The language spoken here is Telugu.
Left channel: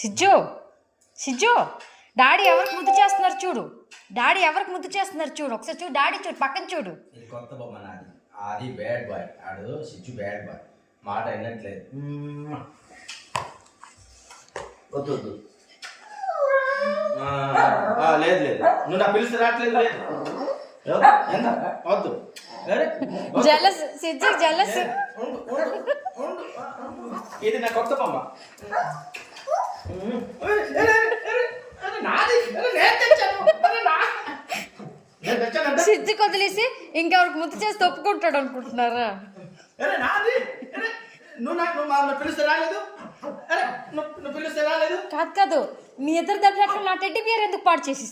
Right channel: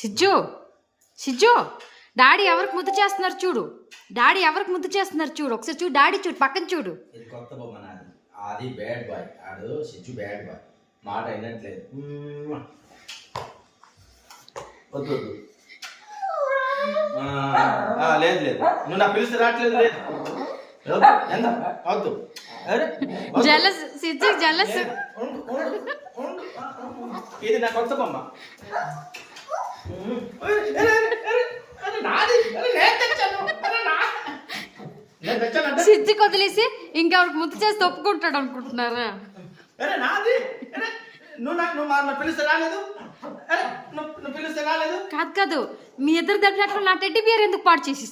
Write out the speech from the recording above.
సిజ్జు సిజ్జు డాడీ ఎవరికి ముద్దు చేస్తున్నారు చూడు, డాడీ ఎవరికి ముద్దు చేస్తున్నారు చూడు, ఒకసారి చూడు, డాడీ చూడు, పక్కన చూడు. ఇది కొత్త బొమ్మ నాది. అది బ్యాడ్ బాయ్, ఆడు సిజ్జు బ్యాడ్ బాయ్, మాట వినట్లేదు. వద్దు వద్దు, లేదు లేదు, నువ్వు నా పిలిచి రావట్లేదు. లేదు వద్దు. Jealous Sijju jealous. ఇది నా కొత్త బొమ్మ. సిజ్జుకి వదిలేసి ఇంకెవరికి ముద్దు చేసి తప్పుకుంటాడు అనుకుంటున్నారా? కాదు కాదు, మీ ఇద్దరు దగ్గర నా టెడ్డీ బియర్ ఎందుకు పాడు చేసి